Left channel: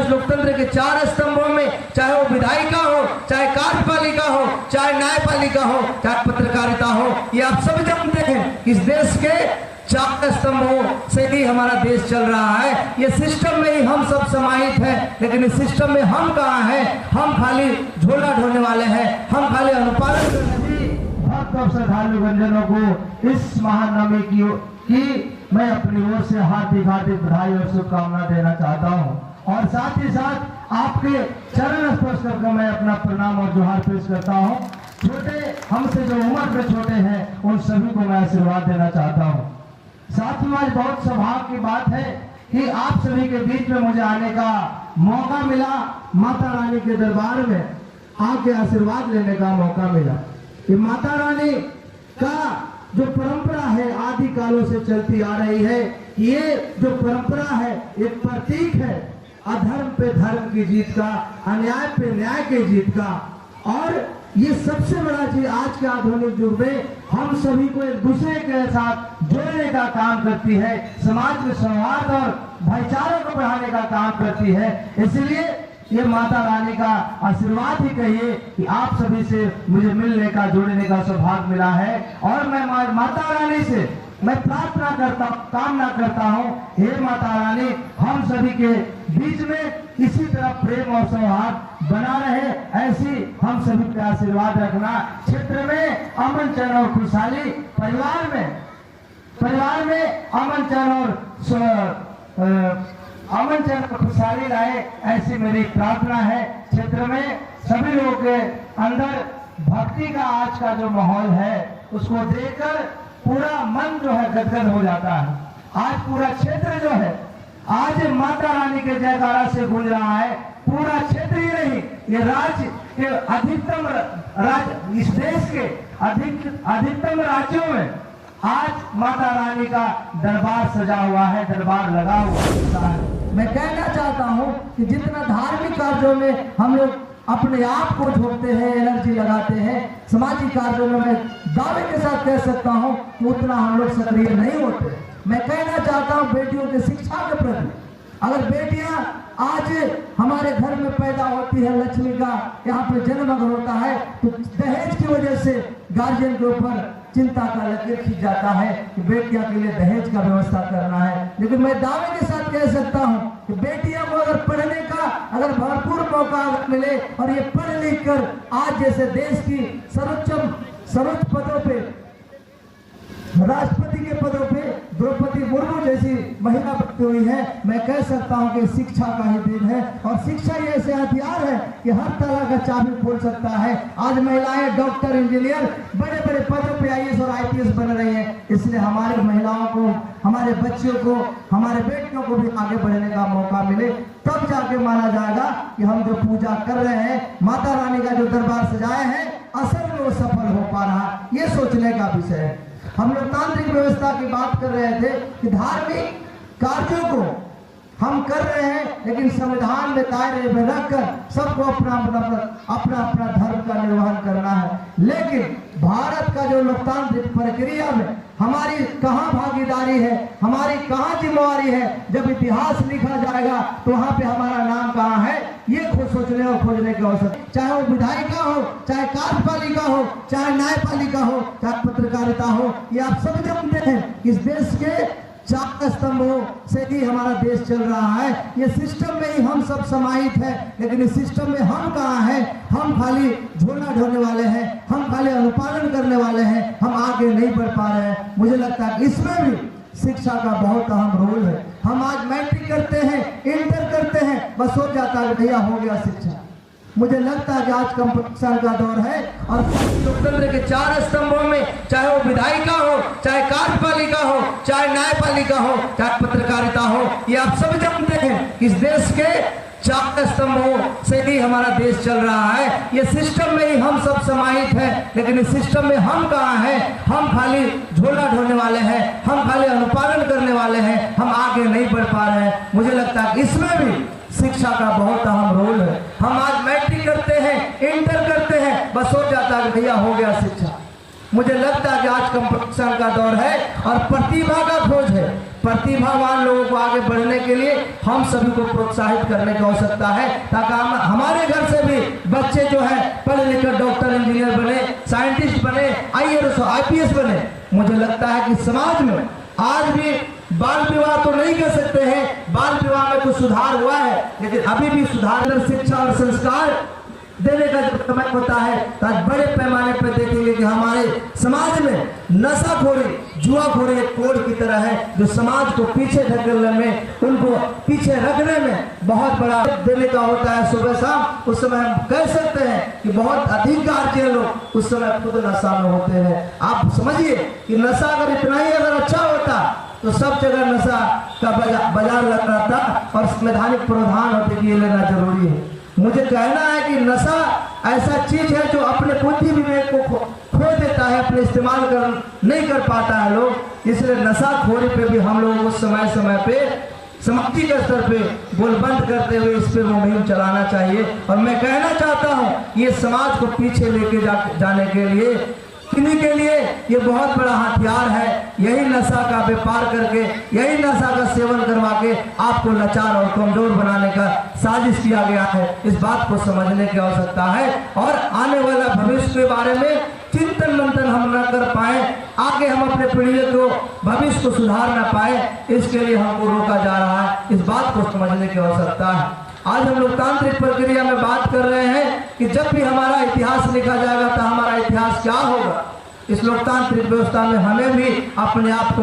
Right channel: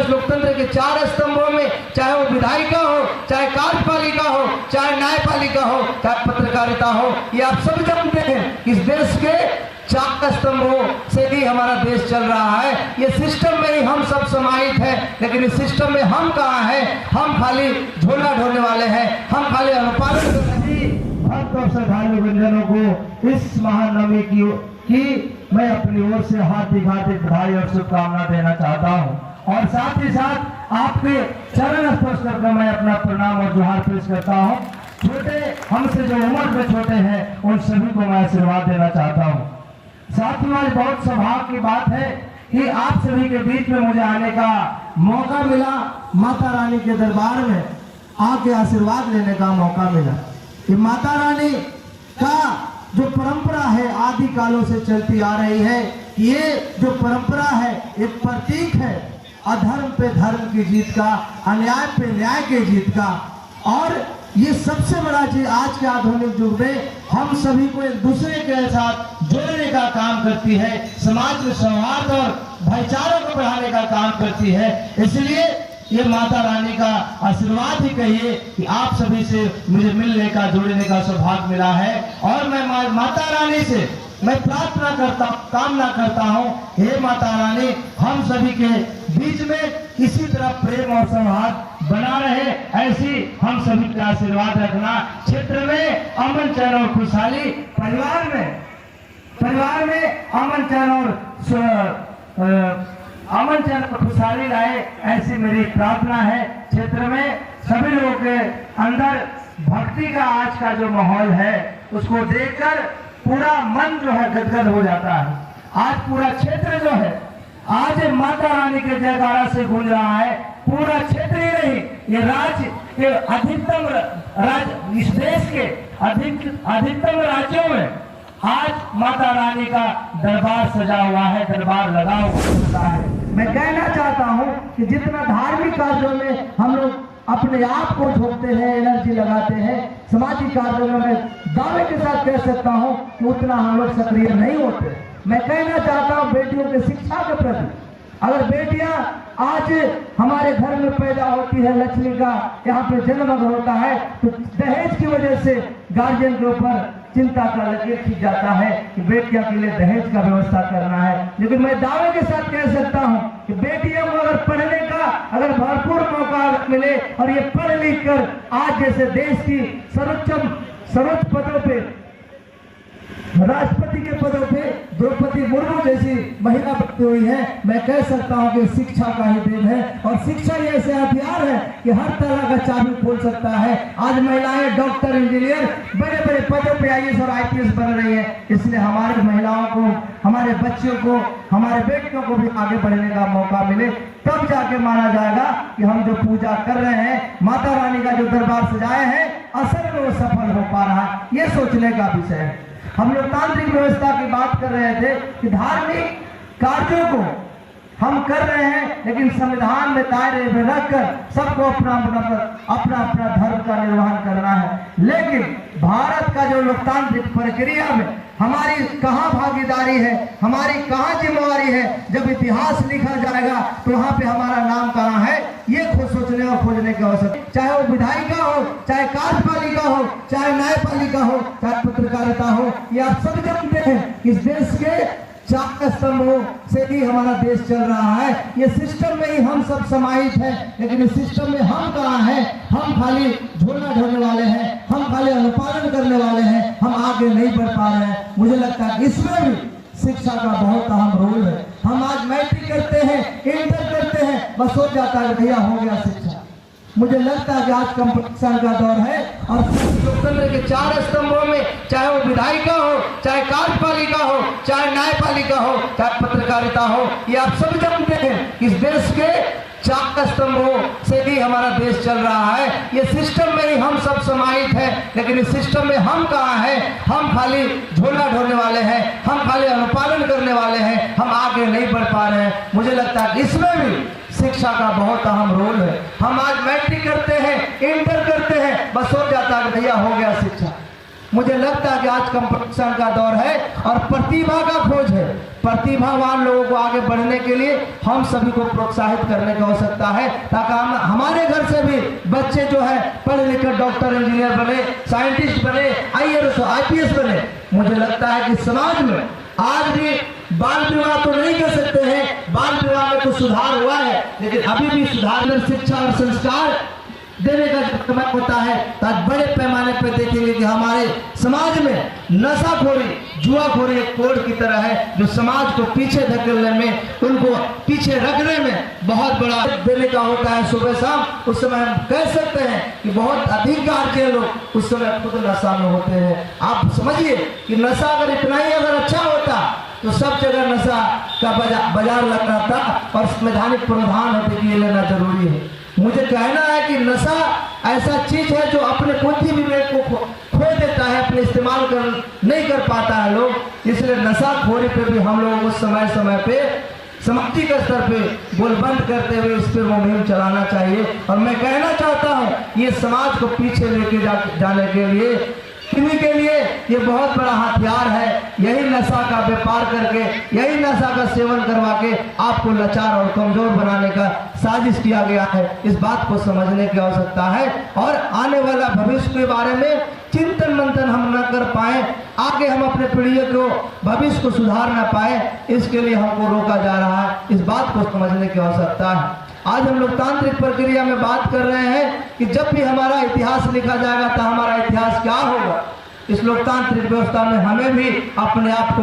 इस लोकतंत्र के 4 स्तंभों में, चाहे वो विधायिका हो, चाहे कार्यपालिका हो, चाहे न्यायपालिका हो, चाहे पत्रकारिता हो, ये आप सब जानते हैं। इस देश के 4 स्तंभों से ही हमारा देश चल रहा है। ये सिस्टम में ही हम सब समाहित हैं, लेकिन इस सिस्टम में हम कहाँ हैं? हम खाली झोला ढोने वाले हैं, हम खाली अनुपालन करने। भक्त और श्रद्धालु गुंजनों को इस महानवमी की मैं अपनी ओर से हार्दिक बधाई और शुभकामना देना चाहता हूं, और साथ ही साथ आपके चरण स्पर्श करके मैं अपना प्रणाम और जोहार पेश करता हूं। छोटे हमसे जो उम्र में छोटे हैं उन सभी को मैं आशीर्वाद देना चाहता हूं। साथियों, आज बहुत सौभाग्य की बात है कि आप सभी के बीच में मुझे आने का मौका मिला, माता रानी के दरबार में आके आशीर्वाद लेने का मौका मिला। कि माता रानी का जो परंपरा है आदि कालों से चलती आ रही है, ये जो परंपरा है एक प्रतीक है अधर्म पे धर्म की जीत का, अन्याय पे न्याय की जीत का। और ये सबसे बड़ा चीज आज के आधुनिक युग में हम सभी को एक दूसरे के साथ जोड़ने का काम करती है, समाज में सौहार्द और भाईचारों को बढ़ाने का काम करती है। इसलिए ये माता रानी का आशीर्वाद ही कहिए कि आप सभी से मुझे मिलने का, जुड़ने का सौभाग्य मिला है। और मैं माता रानी से मैं प्रार्थना करता, कामना करता हूँ, हे माता रानी हम सभी के बीच में इसी तरह प्रेम और सौहार्द बना रहे, ऐसी हम सभी का आशीर्वाद रखना। क्षेत्र में अमन चैन और खुशहाली, परिवार में अमन चैन और खुशहाली रहे, ऐसी मेरी प्रार्थना है। क्षेत्र में सभी लोगों के अंदर भक्ति का आज का जो माहौल है उसको देखकर पूरा मन जो है गदगद हो जाता है। आज पूरा क्षेत्र जो है आज माता रानी के जयकारा से गूंज रहा है। पूरा क्षेत्र ही नहीं, ये राज्य के अधिकतम राज्य, इस देश के अधिकतम राज्यों में आज माता रानी का दरबार सजा हुआ है, दरबार लगा हुआ है। मैं कहना चाहता हूँ कि जितना धार्मिक कार्यों में हम लोग अपने आप को झोंकते हैं, एनर्जी लगाते हैं, सामाजिक कार्यों में मैं दावे के साथ कह सकता हूँ कि उतना हम लोग सक्रिय नहीं होते। मैं कहना चाहता हूँ बेटियों की शिक्षा के प्रति, अगर बेटियां आज हमारे घर में पैदा होती है, लक्ष्मी का यहाँ पे जन्म होता है, तो दहेज की वजह से गार्जियन के ऊपर चिंता का लकीर खींच जाता है कि बेटियों के लिए दहेज का व्यवस्था करना है। लेकिन मैं दावे के साथ कह सकता हूँ कि बेटियों को अगर पढ़ने का अगर भरपूर मौका मिले और ये पढ़ लिख कर आज जैसे देश की सर्वोच्च पदों पे, राष्ट्रपति के पदों पे द्रौपदी मुर्मू जैसी महिला बनी हुई है, मैं कह सकता हूँ कि शिक्षा का ही देन है। और शिक्षा ये ऐसे हथियार है कि हर तरह का चाबी खोल सकता है। आज महिलाएं डॉक्टर, इंजीनियर, बड़े बड़े पदों पे IAS और IPS बन रही है। इसलिए हमारे महिलाओं को, हमारे बच्चों को, हमारे बेटियों को भी आगे बढ़ने का मौका मिले, तब जाके माना जाएगा कि हम जो पूजा कर रहे हैं, माता रानी का जो दरबार सजाए हैं, असल में वो सफल हो पा रहा है। ये सोचने का विषय है। हम लोकतांत्रिक व्यवस्था की बात कर रहे थे कि धार्मिक कार्यों को हम कर रहे हैं, लेकिन संविधान में दायरे में रखकर सबको अपना अपना धर्म का निर्वहन करना है। लेकिन भारत का जो लोकतांत्रिक प्रक्रिया में हमारी कहाँ भागीदारी है, हमारी कहाँ जिम्मेवारी है? जब इतिहास लिखा जाएगा तो वहाँ पे हमारा नाम कहाँ है, ये खुद सोचने और खोजने की आवश्यकता। चाहे वो विधायिका हो, चाहे कार्यपालिका हो, चाहे न्यायपालिका हो, चाहे पत्रकारिता हो, ये आप सब जानते हैं। इस देश के 4 स्तंभों से ही हमारा देश चल रहा है। ये सिस्टम में ही हम सब समाहित हैं, लेकिन इस सिस्टम में हम कहाँ हैं? हम खाली झोला ढोने वाले हैं, हम खाली अनुपालन करने वाले हैं, हम आगे नहीं बढ़ पा रहे हैं। मुझे लगता है इसमें भी शिक्षा का बहुत अहम रोल है। हम आज मैट्रिक करते हैं, इंटर करते हैं, बस हो जाता है भैया हो गया शिक्षा। मुझे लगता है कि आज कंपटीशन का दौर है और लोकतंत्र के 4 स्तंभों में, चाहे वो विधायिका हो, चाहे कार्यपालिका हो, चाहे न्यायपालिका हो, चाहे पत्रकारिता हो, ये आप सब जानते हैं। इस देश के 4 स्तंभों से ही हमारा देश चल रहा है। ये सिस्टम में ही हम सब समाहित हैं, लेकिन इस सिस्टम में हम कहाँ हैं? हम खाली झोला ढोने वाले हैं, हम खाली अनुपालन करने वाले हैं, हम आगे नहीं बढ़ पा रहे हैं। मुझे लगता है इसमें भी शिक्षा का बहुत अहम रोल है। हम आज मैट्रिक करते हैं, इंटर करते हैं, बस हो जाता है भैया हो गया शिक्षा। मुझे लगता है कि आज कंपटीशन का दौर है और प्रतिभा का खोज है। प्रतिभावान लोगों को आगे बढ़ने के लिए हम सभी को प्रोत्साहित करने की आवश्यकता है, ताकि हम हमारे घर से भी बच्चे जो है पढ़ लिख कर डॉक्टर, इंजीनियर बने, साइंटिस्ट बने, IAS IPS बने। मुझे लगता है कि समाज में आज भी बाल विवाह तो नहीं कर सकते हैं, बाल विवाह में कुछ सुधार हुआ है, लेकिन अभी भी सुधार शिक्षा और संस्कार देने का जब समय होता है तब बड़े पैमाने पर देखेंगे कि हमारे समाज में नशाखोरी, जुआखोरी एक कोड़ की तरह है जो समाज को पीछे धकेलने में, उनको पीछे रखने में बहुत बड़ा देने का होता है सुबह शाम। उस समय हम कह सकते हैं कि बहुत अधिक गार्जियन लोग उस समय खुद नशा में होते हैं। आप समझिए कि नशा अगर इतना ही अगर अच्छा होता तो सब जगह नशा का बाजार लग रहा था और संवैधानिक प्रावधान होते कि ये लेना जरूरी है। मुझे कहना है कि नशा ऐसा चीज है जो अपने बुद्धि विवेक को खो देता है, अपने इस्तेमाल नहीं कर पाता है लोग। इसलिए नशाखोरी पे भी हम लोगों को समय समय पे सामाजिक स्तर पे गोलबंद करते हुए इस पे मुहिम चलाना चाहिए। और मैं कहना चाहता हूँ ये समाज को पीछे लेके जाने के लिए, इन्हीं के लिए ये बहुत बड़ा हथियार है। यही नशा का व्यापार करके, यही नशा का सेवन करवा के आपको लाचार और कमजोर बनाने का साजिश किया गया है। इस बात को समझने की आवश्यकता है और आने वाला भविष्य के बारे में चिंतन मंथन हम न कर पाए, आगे हम अपने पीढ़ियों को भविष्य को सुधार न पाए, इसके लिए हमको रोका जा रहा है। इस बात को समझने की आवश्यकता है। आज हम लोकतांत्रिक प्रक्रिया में बात कर रहे हैं कि जब भी हमारा इतिहास लिखा जाएगा तो हमारा इतिहास क्या होगा। इस लोकतांत्रिक व्यवस्था में हमें भी अपने आप को